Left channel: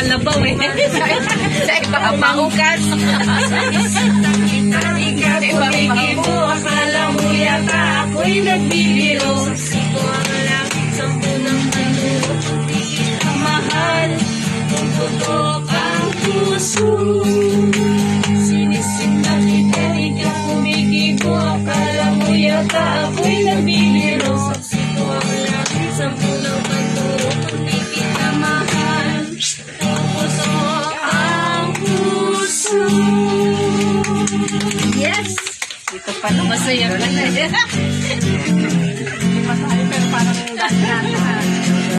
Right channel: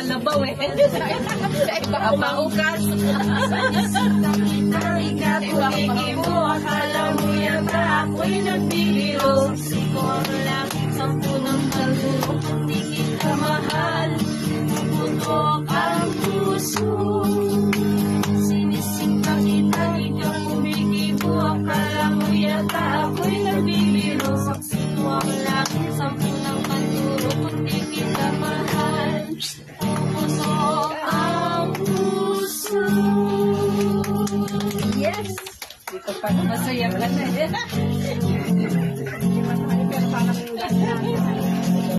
kalabaw eh. Sa ipapahukas. Ikaw kumiki mo, akala mo yata ako'y nagbibiro. Sino ang lapit sa punang malulok, hindi kita mahal. Tututok ang puso. Sinisinta kita, ikaw kumiki mo, akala mo yata ako'y nagbibiro. Sino ang lapit sa punang malulok, hindi kita mahal. Tututok ang puso. Yes! Ito pa na masaya ka na.